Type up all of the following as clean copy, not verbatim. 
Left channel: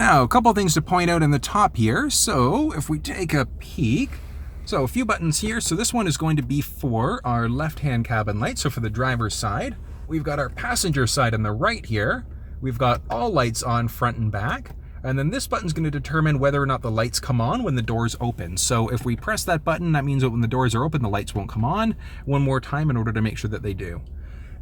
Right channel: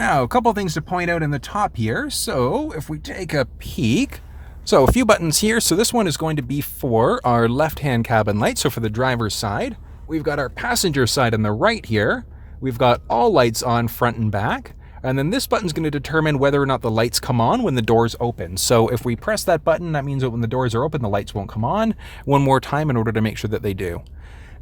Now, a couple things to point out in the top here. So if we take a peek, so a few buttons here. So this one is going to be for our left-hand cabin light. So for the driver's side, we've got our passenger side on the right here. We've got all lights on front and back. And then this button's going to determine whether or not the lights come on when the doors open. So if we press that button, that means that when the doors are open, the lights won't come on one more time in order to make sure that they do.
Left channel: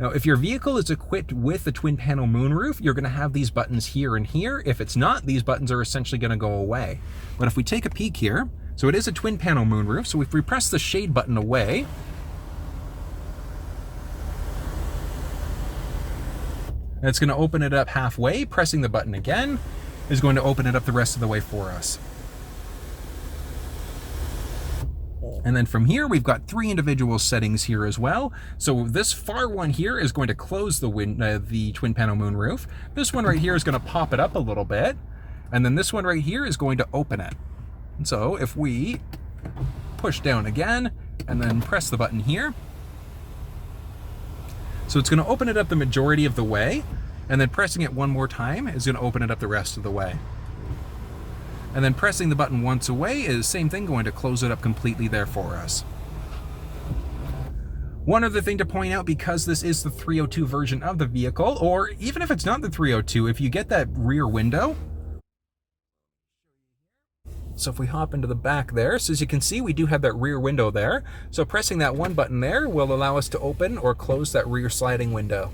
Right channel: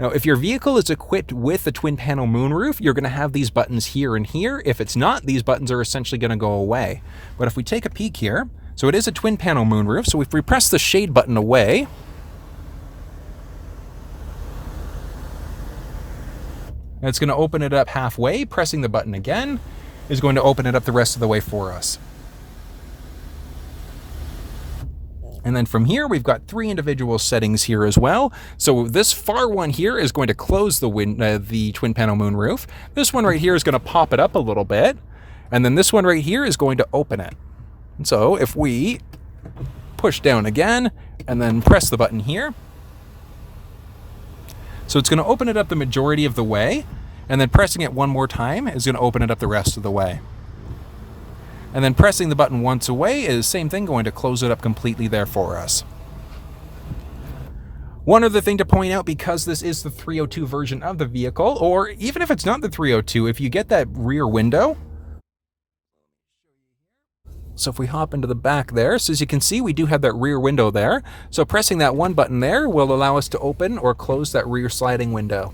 Now, if your vehicle is equipped with a twin panel moonroof, you're going to have these buttons here and here. If it's not, these buttons are essentially going to go away. But if we take a peek here, so it is a twin panel moonroof. So if we press the shade button away, it's going to open it up halfway. Pressing the button again is going to open it up the rest of the way for us. And then from here, we've got 3 individual settings here as well. So this far one here is going to close the twin panel moonroof. This one right here is going to pop it up a little bit. And then this one right here is going to open it. And so if we push down again and then press the button here, so it's going to open it up the majority of the way. And then pressing it one more time is going to open it up the rest of the way. And then pressing the button once away is same thing, going to close it up completely there for us. One other thing to point out, because this is the 302 version of the vehicle, or even if it's not the 302, if you get that rear window, so if we hop into the back there, so as you can see, we do have that rear window there. So pressing that one button there will allow us to open or close that rear sliding window.